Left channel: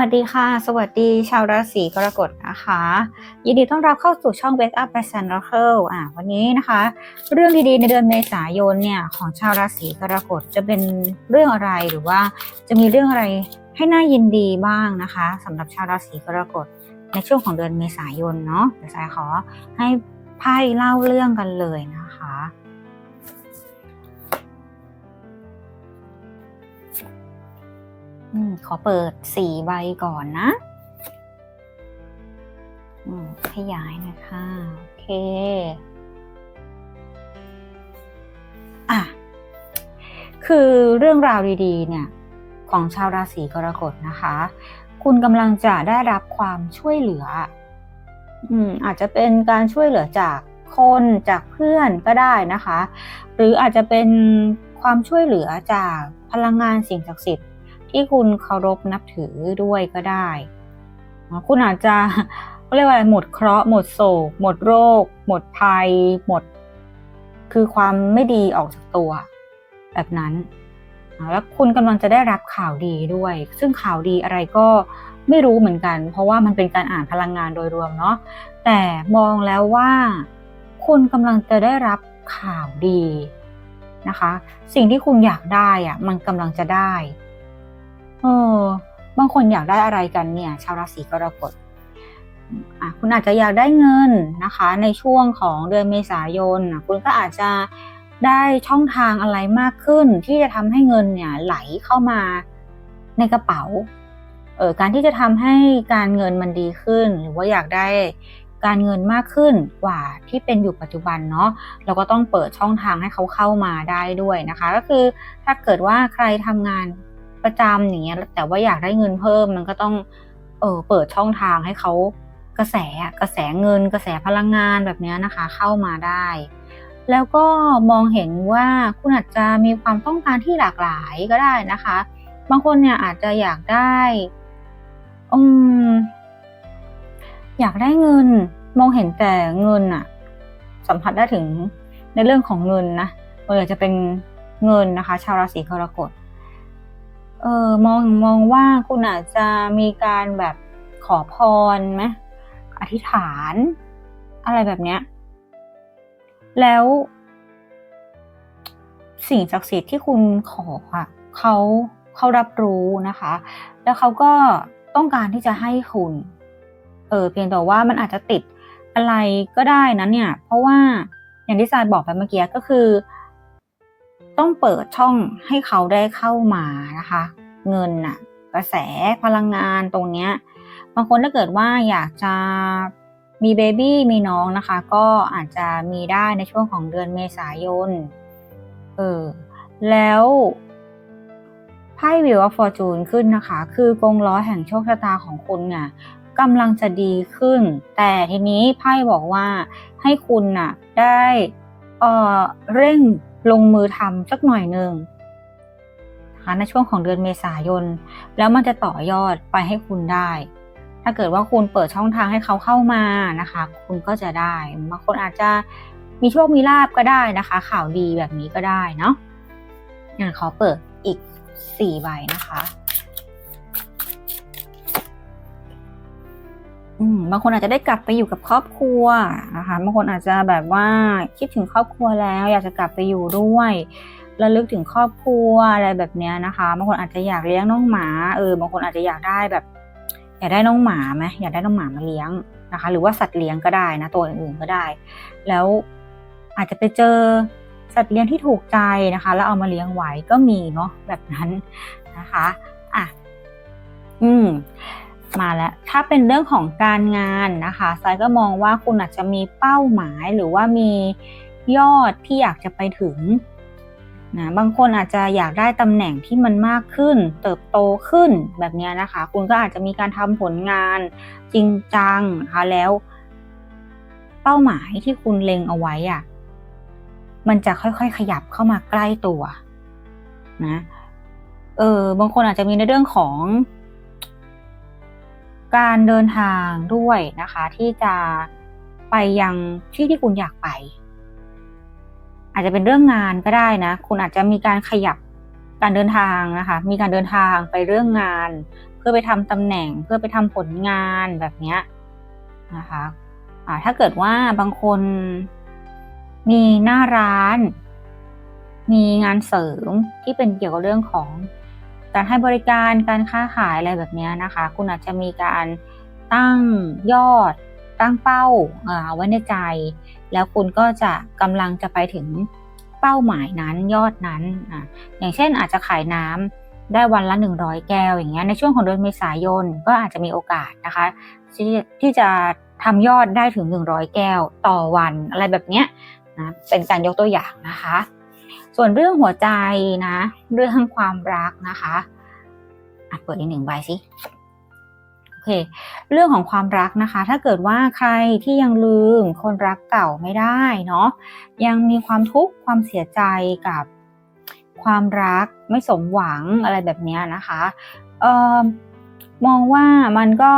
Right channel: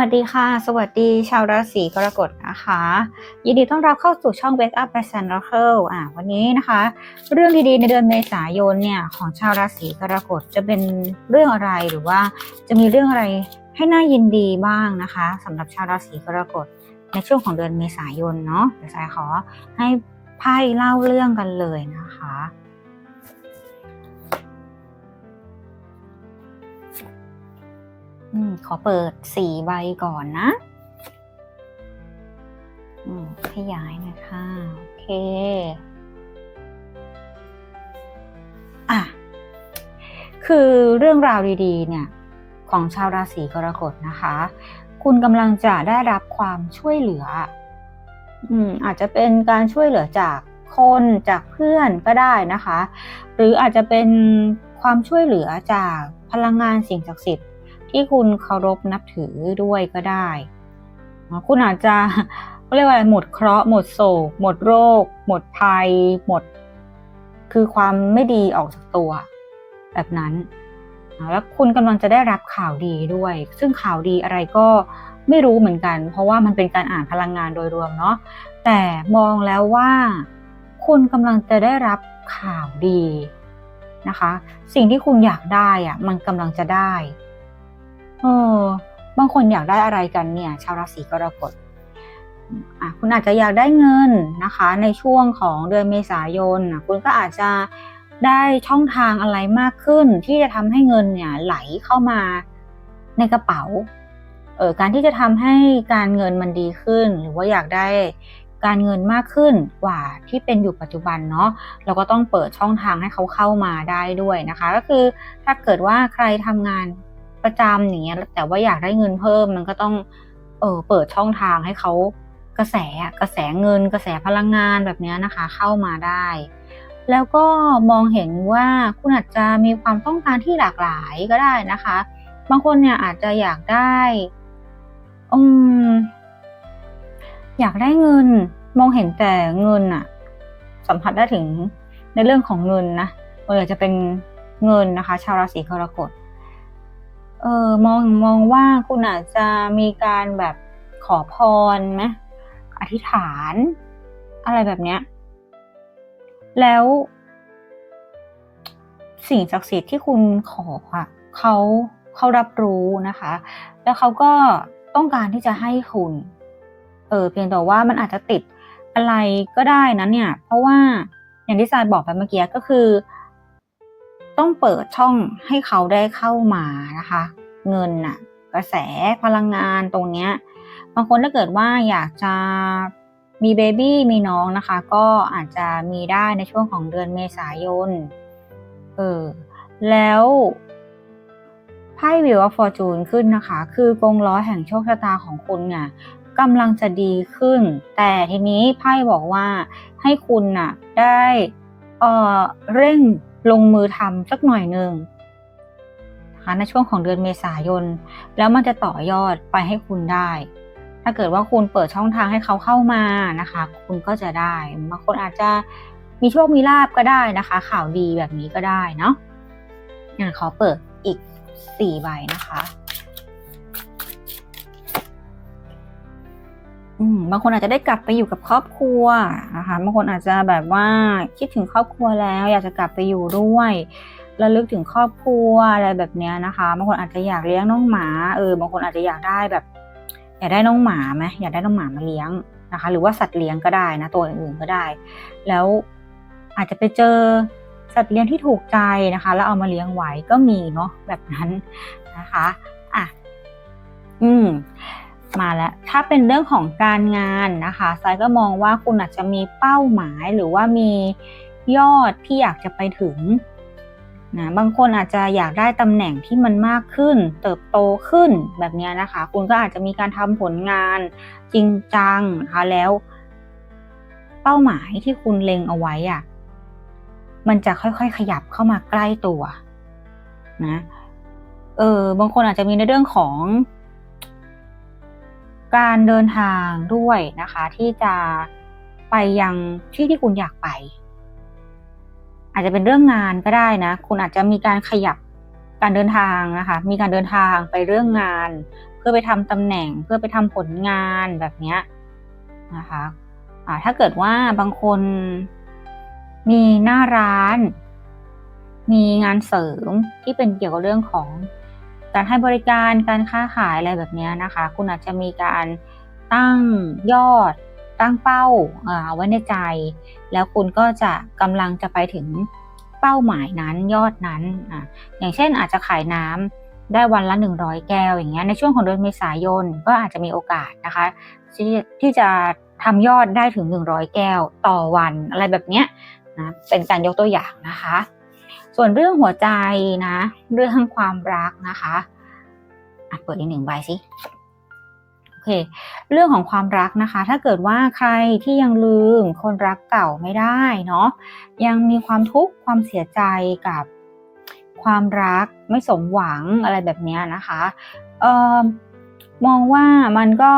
วัสดีค่ะ สวัสดีชาวราศีกรกฎนะคะ ยินดีต้อนรับเข้าสู่ช่อง Wake Up by Sun Oracle อ่าวันนี้นะคะ เรื่องดีๆในเดือนเมษายนเนี่ยของชาวราศีกรกฎจะเป็นเรื่องอะไรหรือว่าจะมีเรื่องอะไรให้น่ายินดีบ้างนะคะสำหรับชาวราศีกรกฎในช่วงของเดือนเมษายนเนาะเดี๋ยวสายขอให้ไพ่เล่าเรื่องกันเลยนะคะ อขอเปิดสี่ใบก่อนนะขยายนะคะโอเคอะคือเรื่องราวดีๆ เนี่ย ของชาวราศีกรกฎนะคะ คุณกำลังจะได้รับความช่วยเหลืออืมอาจจะเป็นการช่วยเหลือจากคนจากเพื่อนก็ได้นะคะ หรืออาจจะเป็นความช่วยเหลือจากพลังงานสิ่งศักดิ์สิทธิ์ ที่คุณเคารพนับถือด้วยก็ได้ คุณอาจจะเรียกว่าหมดเคราะห์หมดโศก หมดโรค หมดภัย หมด คือความไม่ดีออกจากตัว แบบนั้น แล้วคุณกำลังจะได้รับข่าวดีด้วย ซึ่งข่าวดีอะไรก็ไม่รู้เหมือนกัน เพราะว่ามันเป็นการอ่านพลังงานโดยรวมเนาะแต่มองแล้วว่า คุณกำลังจะได้รับข่าวดีนะคะ สิ่งที่คุณอยากได้อะมันกำลังจะได้ เออบางคนอยากได้อะไรกันเนี่ยชาวราศีกรกฎอะคุณอาจจะอยากได้เงินนะคะ ในช่วงของเดือนเมษายนคุณก็อาจจะได้ช่องทางอะไรมากขึ้น ที่จะทำให้เงินเนี่ยไหลเข้ามาในกระเป๋าเออการที่จะทำให้การเงินมันดีขึ้น หรือว่าอยากได้การเงินมากขึ้นกว่าที่เป็นอยู่ปัจจุบันเนาะเราก็ต้องเปิดช่องทางให้เขาเข้ามาได้ด้วยนะคะ ก็คือถ้าเกิดว่าใครทำงาน ประจำอย่างเงี้ยแต่ว่าอยากได้เงินเพิ่มมันก็ต้องเออเปิดช่องทางให้เขากระแสกระแสเงิน กระแสพลังงานแบบนี้นะคะ เข้ามาได้ แล้วก็มองเห็นว่าคุณอาจจะมีความต้องการที่หลากหลายก็ได้นะคะ บางคนเนี่ยอาจจะอยากได้อืมอยากได้เงิน มองเห็นแต่เงินอะสัมผัสได้ถึงในเรื่องของเงินนะเออจะเป็นเงินนะคะ ชาวราศีกรกฎ เออมองมองว่าคุณอาจจะมีการแบบขอพรไหมอธิษฐาน อะไรแบบเนี้ย แล้ว สิ่งศักดิ์สิทธิ์ที่คุณขอค่ะเขาเขารับรู้นะคะ แล้วเขาก็ต้องการที่จะให้คุณ เออเพียงแต่ว่ามันอาจจะติดอะไรก็ได้นะเนี่ย เพราะว่าอย่างที่ซายบอกไปเมื่อกี้ก็คือ ต้องเปิดช่องให้เขาได้เข้ามานะคะ เงินน่ะกระแสพลังงานตรงเนี้ยบางคนถ้าเกิดว่าอยากจะมีเบบี้มีน้องนะคะ ก็อาจจะมีได้ในช่วงของเดือนเมษายนเออแล้วไพ่วิวอฟฟอร์จูนขึ้นนะคะ คือกงล้อแห่งโชคชะตาของคุณเนี่ยกำลังจะดีขึ้น แต่ทีนี้ไพ่บอกว่าให้คุณน่ะได้เอ่อเร่ง ลงมือทำสักหน่อยหนึ่งนะคะในช่วงของเดือนเมษายน แล้วมันจะต่อยอดไปให้คุณได้ ถ้าเกิดว่าคุณเปิดช่องทางให้เขาเข้ามานะคะ คุณก็จะได้บางคนอาจจะมีโชคมีลาบก็ได้นะคะ ข่าวดีแบบนี้ก็ได้เนาะงั้นขอเปิดอีกสี่ใบนะคะ บางคนอาจจะได้กลับไปอยู่กับครอบครัวนะคะบางคนอาจจะแบบว่าคิดถึงครอบครัวแล้ว อยากจะกลับไปอยู่ด้วยระลึกถึงครอบครัวอะไรแบบนี้นะคะบางคนอาจจะอยากเลี้ยงน้องหมาเออบางคนอาจจะอยากได้แบบอยากได้น้องหมาไหมอยากได้น้องหมามาเลี้ยงนะคะ หรือว่าสัตว์เลี้ยงก็ได้นะตัวอื่นๆก็ได้ แล้วอาจจะไปเจอสัตว์เลี้ยงที่ถูกใจนะคะ แล้วเอามาเลี้ยงไว้ก็มีเนาะแบบนั้นนะคะอะอืม มาแล้ว ถ้าเป็นเรื่องของการงานนะคะไซก็มองว่าคุณอาจจะมีเป้าหมายหรือว่ามียอดที่อยากจะไปถึงนะบางคนอาจจะอยากได้ตำแหน่งที่มันมากขึ้น เติบโตขึ้นแบบนี้นะคะ คุณก็อาจจะมีการทำผลงานจริงจังนะคะแล้ว เป้าหมายที่คุณเล็งเอาไว้อะมันจะค่อยๆ ขยับเข้ามาใกล้ตัวนะเออบางคนอาจจะมีในเรื่องของ การเดินทางด้วยนะคะ ที่จะไปยังที่ที่คุณอยากไป อาจจะเป็นเรื่องงานก็ได้นะ คุณอาจจะมีการขยับการเดินทางนะคะ มีการเดินทางไปเรื่องงาน เพื่อไปทำตำแหน่งเพื่อไปทำผลงานแบบเนี้ยนะคะอ่าถ้าเกิดว่าบางคนมีหน้าร้าน มีงานเสริมที่เป็นเกี่ยวกับเรื่องของ การให้บริการการค้าขายอะไรแบบนี้นะคะ คุณอาจจะมีการตั้งยอดตั้งเป้าไว้ในใจ แล้วคุณก็จะกำลังจะไปถึงเป้าหมายนั้นยอดนั้นออย่างเช่นอาจจะขายน้ำได้วันละ 100 แก้วอย่างเงี้ยในช่วงของเดือนเมษายนก็อาจจะมีโอกาสนะคะที่ที่จะทำยอดได้ถึง 100 แก้วต่อวันอะไรแบบเนี้ยนะเป็นการยกตัวอย่างนะคะ ส่วนเรื่องหัวใจนะ เรื่องความรักนะคะอะเปิดอีกหนึ่งใบสิโอเค เรื่องของความรักนะคะ ถ้าเกิดว่าใครที่ยังลืมคนรักเก่าไม่ได้เนาะยังมีความทุกข์ความเสียใจกับความรักไม่สมหวังอะไรแบบนี้นะคะเออมองว่ามันก็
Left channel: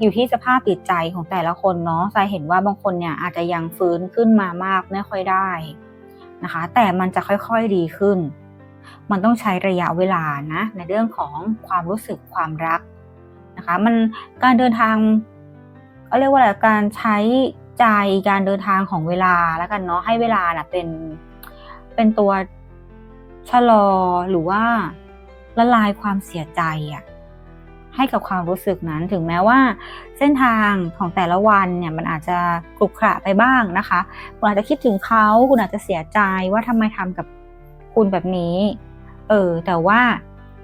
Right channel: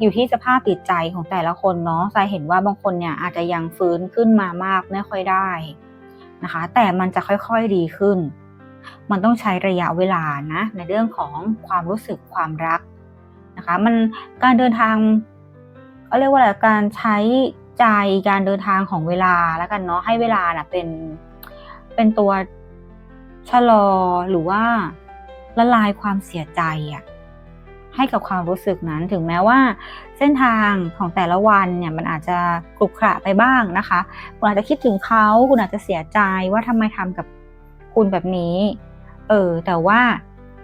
อยู่ที่สภาพจิตใจของแต่ละคนเนาะทรายเห็นว่าบางคนเนี่ยอาจจะยังฟื้นขึ้นมามากไม่ค่อยได้ นะคะ แต่มันจะค่อยๆดีขึ้น มันต้องใช้ระยะเวลานะ ในเรื่องของความรู้สึกความรักนะคะ มันการเดินทางก็เรียกว่าอะไรการใช้ใจการเดินทางของเวลาแล้วกันเนาะให้เวลาน่ะเป็นเป็นตัวชะลอหรือว่าละลายความเสียใจอะ ให้กับความรู้สึกนั้น ถึงแม้ว่า เส้นทางของแต่ละวันเนี่ยมันอาจจะกรุขระไปบ้างนะคะคุณอาจจะคิดถึงเขาคุณอาจจะเสียใจว่าทำไมทำกับคุณแบบนี้ เออแต่ว่า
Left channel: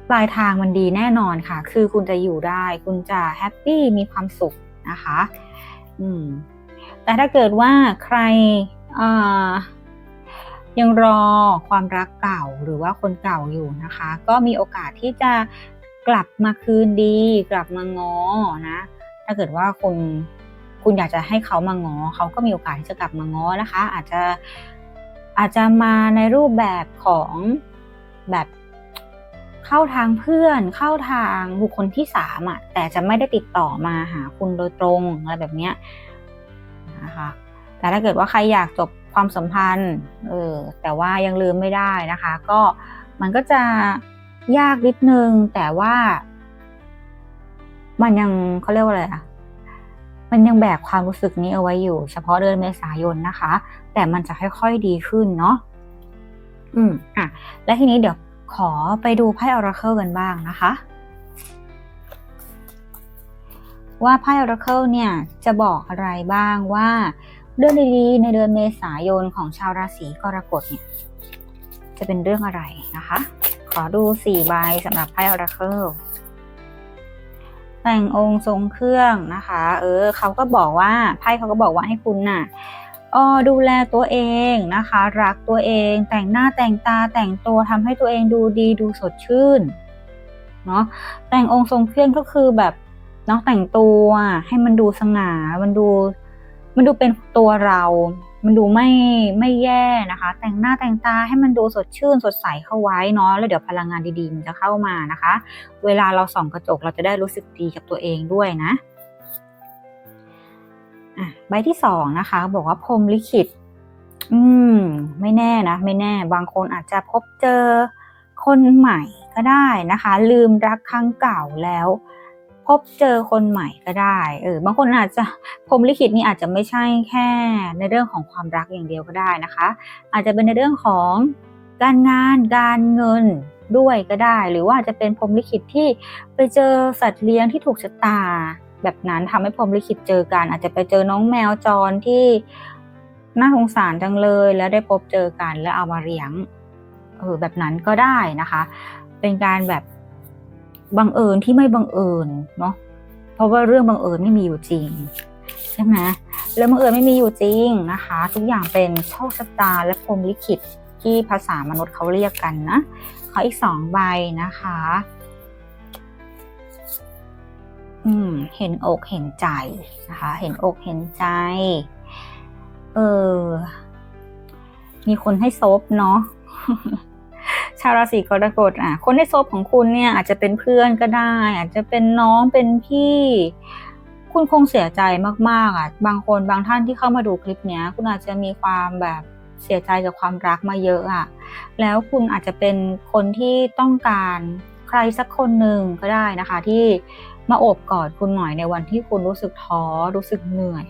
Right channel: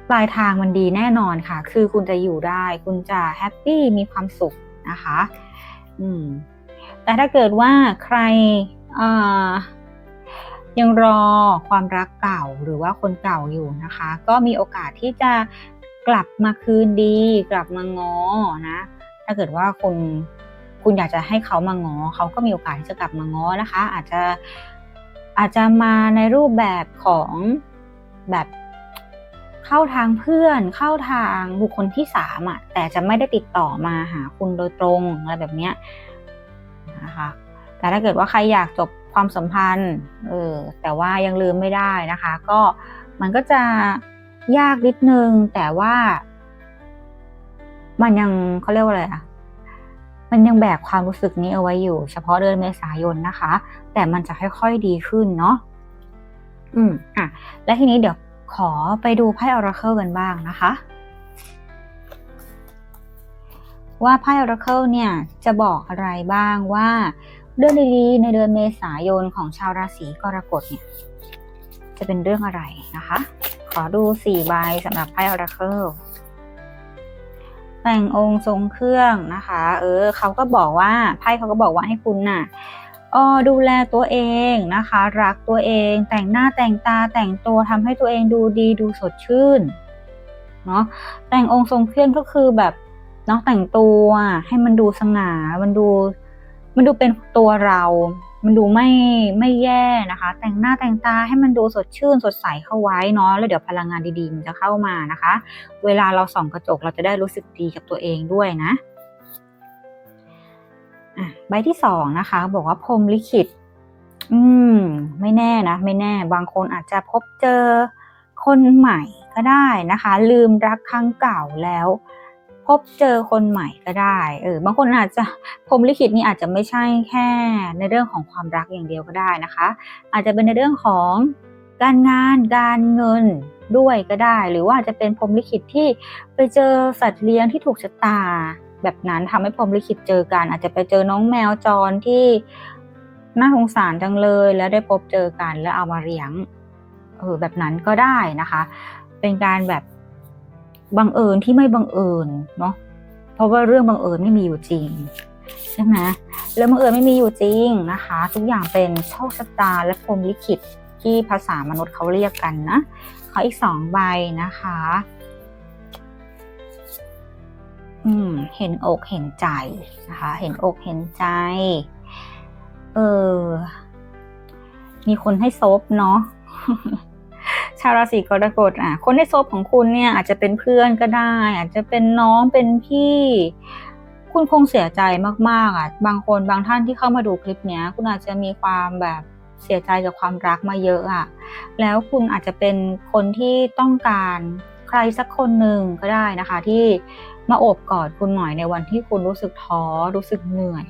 ปลายทางมันดีแน่นอนค่ะ คือคุณจะอยู่ได้ คุณจะแฮปปี้มีความสุขนะคะ อืม แต่ถ้าเกิดว่าใครยังรอความรักเก่าหรือว่าคนเก่าอยู่นะคะ ก็มีโอกาสที่จะ กลับมาคืนดี กลับมาง้อนะ ถ้าเกิดว่าคุณคุณอยากจะให้เขามาง้อเขาก็มีโอกาสที่จะกลับมาง้อนะคะ อาจจะอาจจะมาในรูปแบบของแบบเข้าทางเพื่อนเข้าทางบุคคลที่สามอะแต่จะไม่ได้ติดต่อมาหาคุณโดยตรงอะไรแบบเนี้ยนะคะแต่ถ้าเกิดว่าใครอยากจบความสัมพันธ์เออแต่ว่ายังลืมไม่ได้นะคะ ก็มันก็จะ ยากนิดนึง แต่ว่า มันยังเขาเรียกว่าอะไรอะมันยังแบกความรู้สึกนี้เอาไว้อยู่ เฉพาะเดือนเมษายนนะคะ แต่มันจะค่อยๆดีขึ้นเนาะอืมอะและทีนี้เดี๋ยวขอไปดูไพ่ออราเคิลกันบ้างนะคะ ว่าไพ่ออราเคิลเนี่ยจะบอกอะไรบ้างว่าเรื่องดีๆในเดือนเมษายนของชาวราศีกรกฎเนี่ยจะเป็นเรื่องอะไรนะคะ ขอดูสี่ใบสำหรับไพ่ออราเคิลแต่งองค์ทรงเครื่องนะคะ เออเขาก็บอกว่าไพ่เขาก็บอกว่าให้คุณน่ะออดูแลตัวเองนะคะ รักตัวเองแต่งหน้าแต่งตาแต่งตัวทำให้ตัวเองดูดีดูสดชื่นเนาะแต่งองค์ทรงเครื่องก็คือแบบเนาะแต่งตัวให้มันดูสง่ามันดู มันดูเป็นตัวเรา มันดูไม่ไม่แย่นะคะ แต่งหน้าแต่งตาให้มันดูสดชื่นสดใสเข้าไว้เนาะ แล้วเดี๋ยวพลังงานดีๆมันจะเข้ามานะคะ เวลาเราส่องกระจกเราจะได้รู้สึกดีกับตัวเองด้วยนะอะใบที่สองนะคะ บอกว่าพรมลิขิต อืม ไม่แน่นะ ไม่แน่ บางคนอาจจะพบเจอคนใหม่ก็ได้นะคะ ลืมรักครั้งเก่าแล้ว บเจอคนใหม่ก็ได้ เออบางคนอาจจะพรมลิขิตนี่อาจจะไม่ใช่แค่ในเรื่องของความรักอย่างเดียวก็ได้นะคะ อาจจะเป็นในเรื่องของการงานการเงินด้วยก็ได้ หรือว่าจะเป็นพรมลิขิตที่ไปเจอสัตว์เลี้ยงที่ถูกชะตา แบบนั้นทำให้พรมลิขิตเจอกัน อาจจะไปเจอน้องแมวจรที่น่าสงสารจังเลย แล้วได้พบเจอกันแล้วเอามาเลี้ยงเออแบบนั้นก็ได้นะคะ เป็นการแบบ บังเอิญที่ไม่บังเอิญเนาะเพราะว่าเรื่องบังเอิญไม่มีอยู่จริงใช่ไหมเรื่องบังเอิญไม่มีอยู่จริงนะคะ ทุกอย่างเป็นโชคชะตาและพรมลิขิตที่ภาษามนุษย์เขาเรียกกันนะขออีกสองใบนะคะ อืม เห็นอกเห็นใจนะคะ เห็นอกเห็นใจ เออ มีคนให้ซบเนาะ ชาวราศีกรกฎอะคนในโซบของคุณเนี่ยอาจจะเป็นเพื่อนก็ได้ อาจจะเป็นน้องเป็นพี่ คุณคงเสียใจมากๆอะบางคนบางท่านที่เข้ามาดูคลิปเนี้ย คุณอาจจะมีความแบบเสียใจกับความรักมาเยอะอะแล้วคุณอาจจะเป็นคนที่ต้องการใครสักคนหนึ่งก็ได้นะคะ ที่มาโอบกอดคุณหน่อยในวันที่คุณรู้สึกท้อรู้สึกเหนื่อย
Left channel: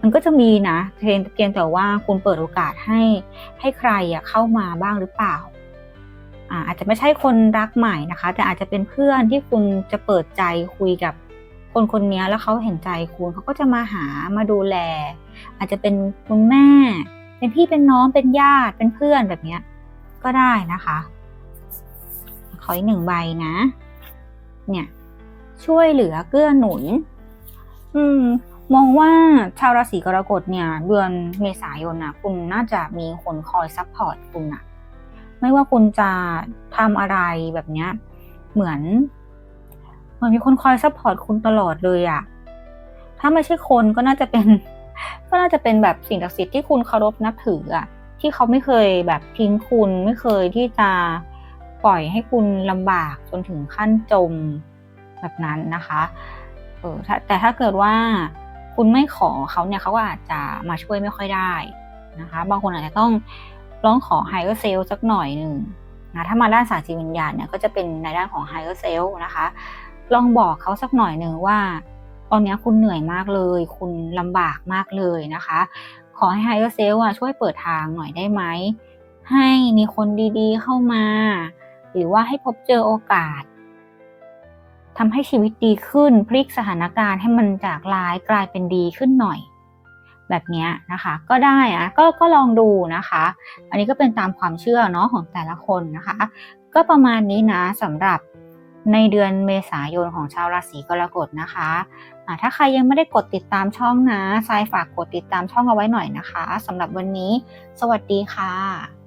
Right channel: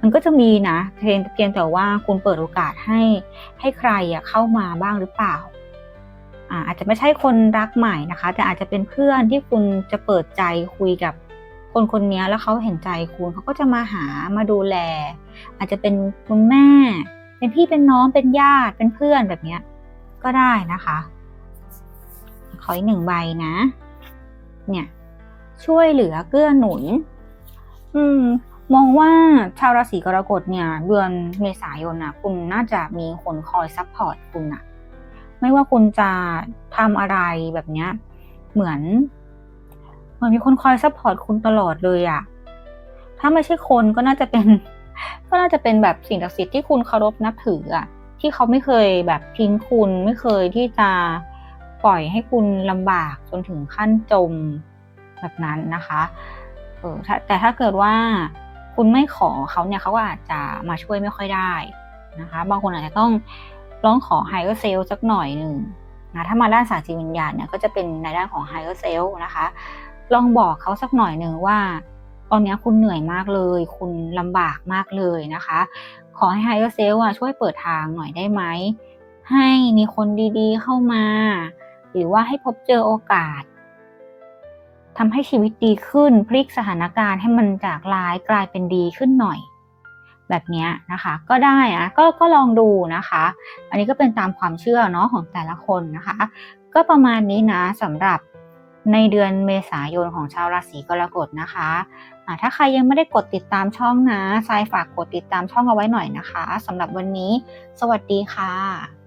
มันก็จะมีนะเพียงเพียงแต่ว่าคุณเปิดโอกาสให้ให้ใครเข้ามาบ้างหรือเปล่า อาจจะไม่ใช่คนรักใหม่นะคะ แต่อาจจะเป็นเพื่อนที่คุณจะเปิดใจคุยกับคนคนนี้แล้วเขาเห็นใจคุณเขาก็จะมาหามาดูแล อาจจะเป็นคุณแม่ เป็นพี่เป็นน้องเป็นญาติเป็นเพื่อนแบบเนี้ยก็ได้นะคะ ขออีกหนึ่งใบนะ เนี่ยช่วยเหลือเกื้อหนุน อืม มองว่าชาวราศีกรกฎเนี่ย เดือนเมษายนนะคุณน่าจะมีคนคอยซัพพอร์ตคุณนะ ไม่ว่าคุณจะทำอะไรแบบเนี้ย เหมือนเหมือนมีคนคอยซัพพอร์ตคุณตลอดเลยอะถ้าไม่ใช่คนก็น่าจะเป็น ก็น่าจะเป็นแบบสิ่งศักดิ์สิทธิ์ที่คุณเคารพนับถืออะที่เขาไม่เคยแบบทิ้งคุณไม่เคยที่จะปล่อยให้คุณลำบากจนถึงขั้นจมแบบนั้นนะคะเออแต่ถ้าเกิดว่าคุณไม่ขอเขาเนี่ยเขาก็อาจจะมาช่วยไม่ค่อยได้นะคะ บางคนอาจจะต้อง ร้องขอไฮเออร์เซลสักหน่อยหนึ่งนะถ้ามาด้านศาสตร์จิตวิญญาณเนี่ยก็จะเป็นในด้านของไฮเออร์เซลนะคะ ลองบอกเขาสักหน่อยหนึ่งว่า ตอนนี้คุณเหนื่อยมากเลย คุณลำบากมากเลยนะคะ ขอให้ไฮเออร์เซลอะช่วยเปิดทางหน่อยได้ไหม ให้มีคนดีๆเข้ามา หรือว่าให้พบเจอโอกาสทำให้ชีวิตดีขึ้นพลิกสถานการณ์ให้มันจากร้ายกลายเป็นดีขึ้นหน่อย แบบนี้นะคะ ก็ได้อะก็ก็ลองดูนะคะ อันนี้ก็เป็นตามความเชื่อเนาะของแต่ละคนนะคะ ก็ประมาณนี้นะสำหรับในเดือนเมษายนของชาวราศีกรกฎนะคะะถ้าใครยังไม่ได้กดติดตามช่องนะทรายฝากกดติดตามช่องเอาไว้หน่อยนะคะสำหรับวันนี้ สวัสดีค่ะ